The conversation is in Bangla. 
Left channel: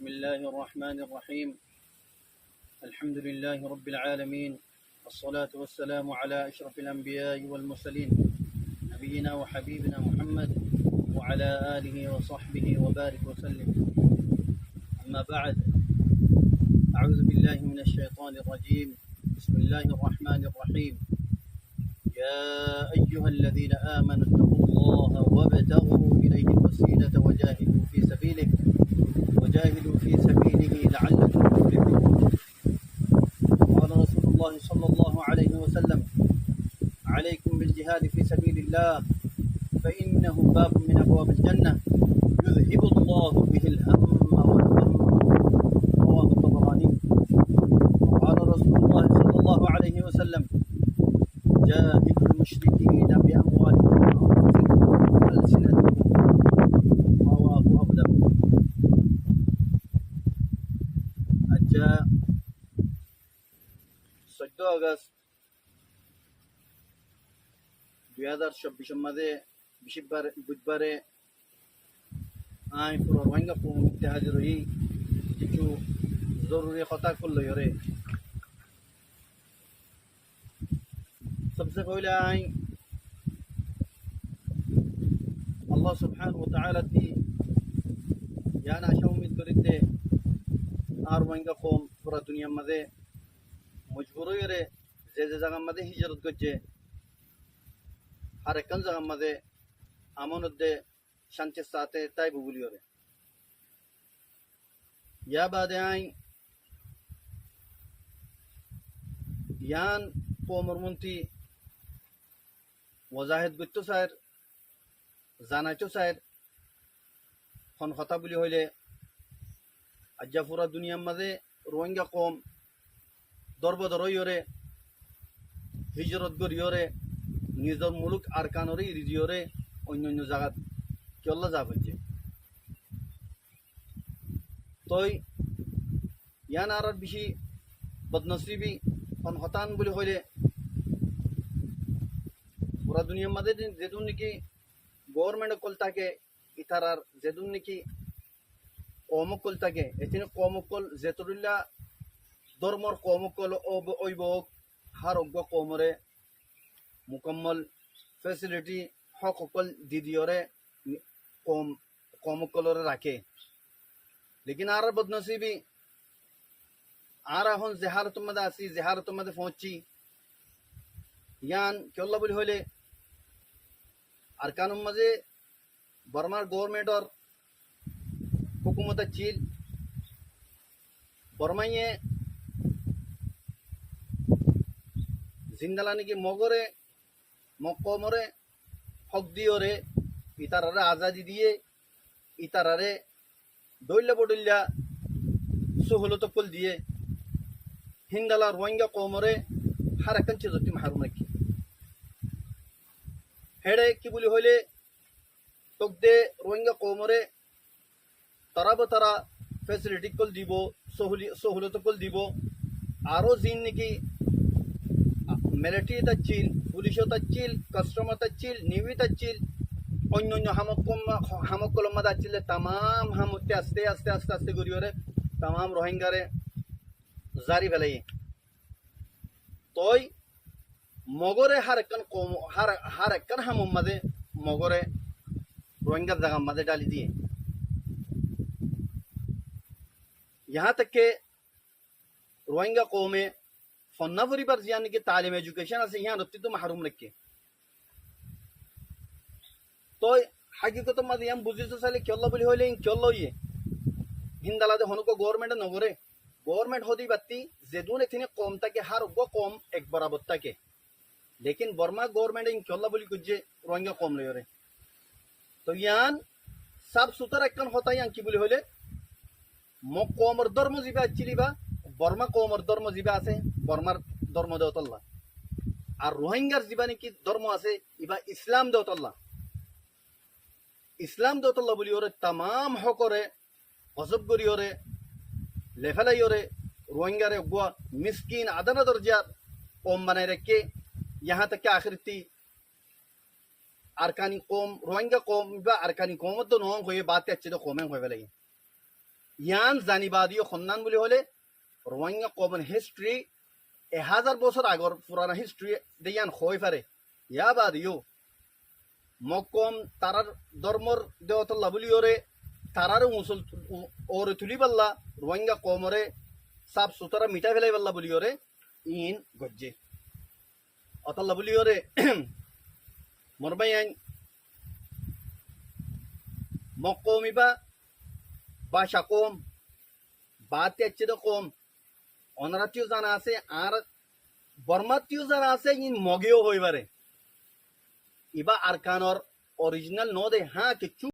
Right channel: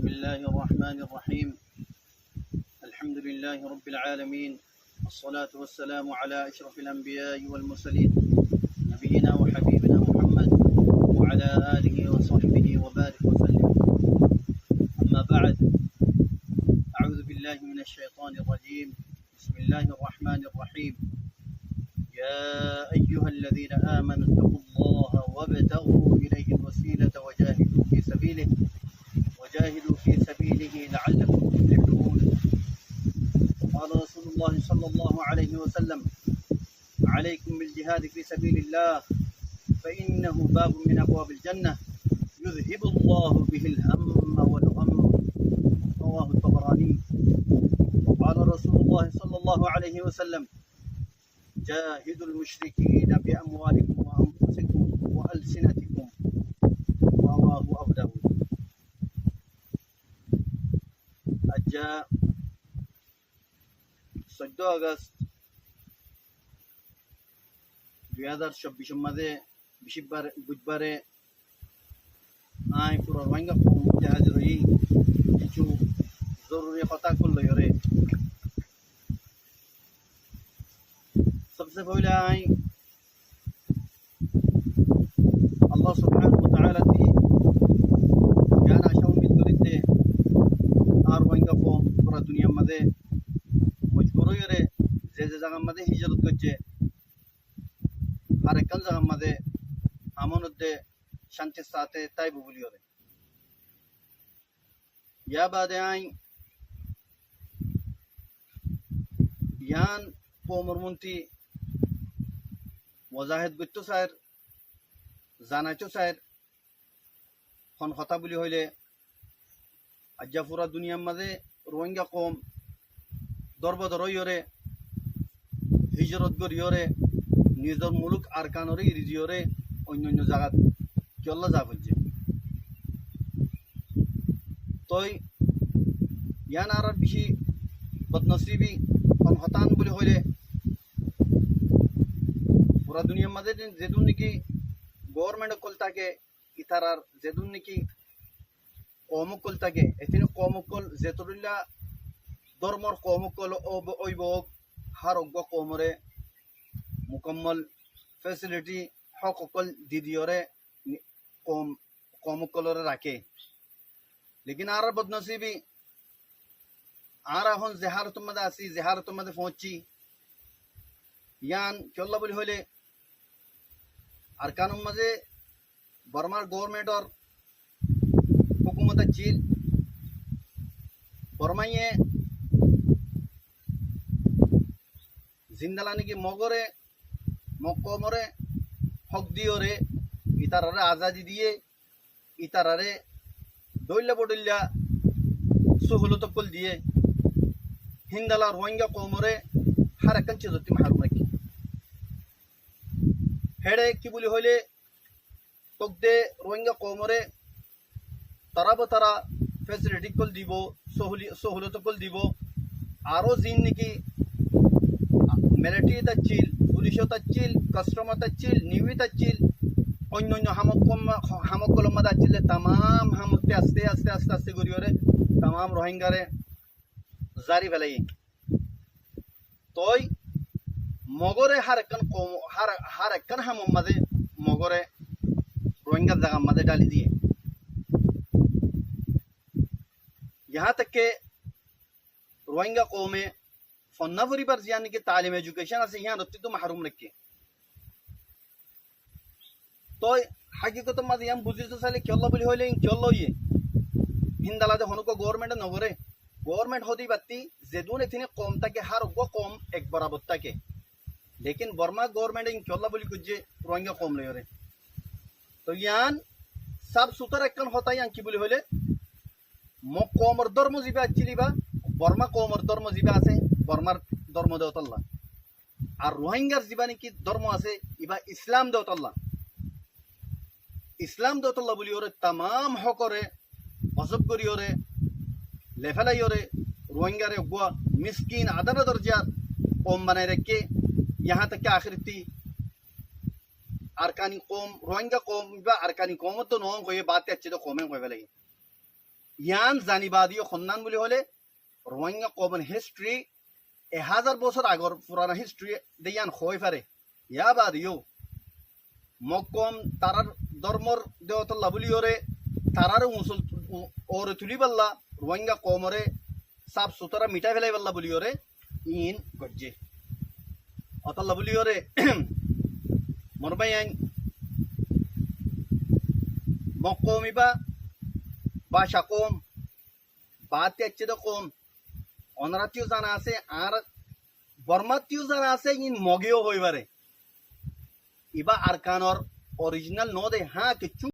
بسم الله الرحمن الرحيم. الحمد لله رب العالمين، الصلاة والسلام على أشرف الأنبياء والمرسلين، نبينا وحبيبنا محمد وعلى آله وصحبه وبارك وسلم. أما بعد، أعوذ بالله من الشيطان الرجيم. بسم الله الرحمن الرحيم. يا أيها الذين آمنوا اتقوا الله وابتغوا إليه الوسيلة وجاهدوا في سبيله لعلكم تفلحون. قال رسول الله صلى الله عليه وسلم: عليكم بالجهاد في سبيل الله فإنه باب من أبواب الجنة يذهب الله به الهم والغم. رواه الطبراني. وقال رسول الله صلى الله عليه وسلم: جاهدوا المشركين بأموالكم وأنفسكم وألسنتكم. رواه أبو داود. আজ্জা 14 আগস্ট 2024 মাঝে বুধবারে পুরো রোহিঙ্গা কমিউনিটি হাজির হই কিছু জরুরি কথা করলো রে। सबसे पहले अल्लाह सुब्हानहु व तआला ती यान आशा उम्मीद करीते আর রোহিঙ্গা কম পুরা দুনিয়ার মাঝে মজবুর হয়ে যে জায়গার মাঝে হিজরত করছে আর একখান জায়গার মাঝে আমনদে শান্তির সাথে তাই বুবুলি হরে ইয়া বাদে ইয়ান কমরমন্ত্রী ওয়াজাহেদ করতো স্যার জানাইতো স্যার খন কথা বলি হইলে আজ্জা পুরা দুনিয়ার মাঝে রোহিঙ্গা কম দরবদর হইরে হিজরত করিয়রে নিজের মুলুক আরকানরে ইরিজিয়রে অন্য অন্য জায়গাত কেল্লা যা হচ্ছে তই ইয়ান আর বেশি বদনসিবি খন হতান বলি হইলে পুরা দুনিয়ার মাঝে যেদুন নাকি গভর্নমেন্ট কল থাকে ইতারার যেদুন নাকি কমকল থাকে এখানে কমকল যেতরিল্লা ধর্মর কমকল অভিভাবক হার অজ্ঞ কমরে মুকম্মল ফেসিলিটি হক অকল দিদিওরে কমকলরে রাখে। লেকিন আর বদনসিবি আর এখন জেহারতের মধ্যে আসি জেহারতের মধ্যে পৌঁছছি ইয়ান কেল্লা বলি হইলে আর কানুন মাঝে বর্মার গভর্নমেন্টর হুকুমত চিল বর্মাইয়ে জিন্দালানি কি মগরে মকমরে হক দিওরে ইতারারে আজাদি দিয়ে ইতারারে দৈল্লা বডল্লা সহলত কল দিয়ে হিন্দালা রোহিঙ্গা কমরে হার একখান চিজতি মাহারুম রাখি হেড়ে কি বলি হইলে তোক দে রোহিঙ্গা কমরে তারা তারা ফেসিলিটি কল দিব সহলত কল দিব আরও জিন নাকি মিলিটারি তাচ্ছিল পুলিশও তাচ্ছিল কাস্টমার তাচ্ছিল নিউই তাচ্ছিল অন্য অন্য হামকলম মাদা আছিল তামাম হামতে আস্তে আস্তে আস্তে আস্তে করিওরে তামাম রোহিঙ্গারে জারি ফেলাই তই মগরে হার একখান হামম মাঝে মগরে রোহিঙ্গার জায়গার মাঝে ডালি দিয়ে यहाँ तक के रोहिंगा कौमे फन्नावरी पर यानी कि तालीम एजुकेशन से यहाँ रत्ती तो महरूम रखे तो हकीकत मत यहाँ बुझी तो साले क्यों बोली हो लेकिन क्यों ये हिंदाला दे होने को गवर्नमेंट नगरे गवर्नमेंट होती बत्ती जेदून इतने कौम तक के हर वो कौम एक बराबर तक के लेकिन बर्मा गवर्नमेंट इन क्यों बोली कुछ रोहिंगा कौम ले रहे तो यहाँ सब सुतर एक होता है यहाँ की बोली होले কমর ধর্ম জিবা চিলিবা বর্মা কমর ধর্ম জিবা আছে বর্মার ধর্ম দেওতল্লা আর রোহিঙ্গার জিবা নাকি ধর্ম আছে ইবা ইসলাম দেওতল্লা বলি ওরে তামাম হকরে অজব করি ওরে লেফেলাই ওরে রোহিঙ্গারে গুয়া মিসকিন আদানা দরজার কম বানাই রেখে यहाँ तक के आखिरती আরকানি কম রোহিঙ্গা কম বা আরকানি কম তো নয় হয়ে বাতে अच्छे तो কমে হয়ে ফেলে ইয়ান জানিবাদীয় সন্ধান বুলি হলে রোহিঙ্গা কমন হিস্ট্রি 1000 বছর আগর পুরানা হিস্ট্রি দেয়ান হয়ে পারে ইয়া বাদিও মকম তারার ধর্মর দেওতল্লা বুলি ওরে তারার মুসল ওরে তুলি পাল্লা রোহিঙ্গা কমরে সাফ সুতরা মিটাই ফেলাই পাল্লা বুলি ওরে ইন গজ্জে অতল্লা বুলি ওরে মরবাই আইন মকমিবা ভাষা কম বাতে আচ্ছেদ কম অনারাতিও জানা আছে আর বর্মাতিও জানা আছে ইন মগেও হইবারে ইবা আরকানর অরিজিনাল নদে হ্যাঁ কিছু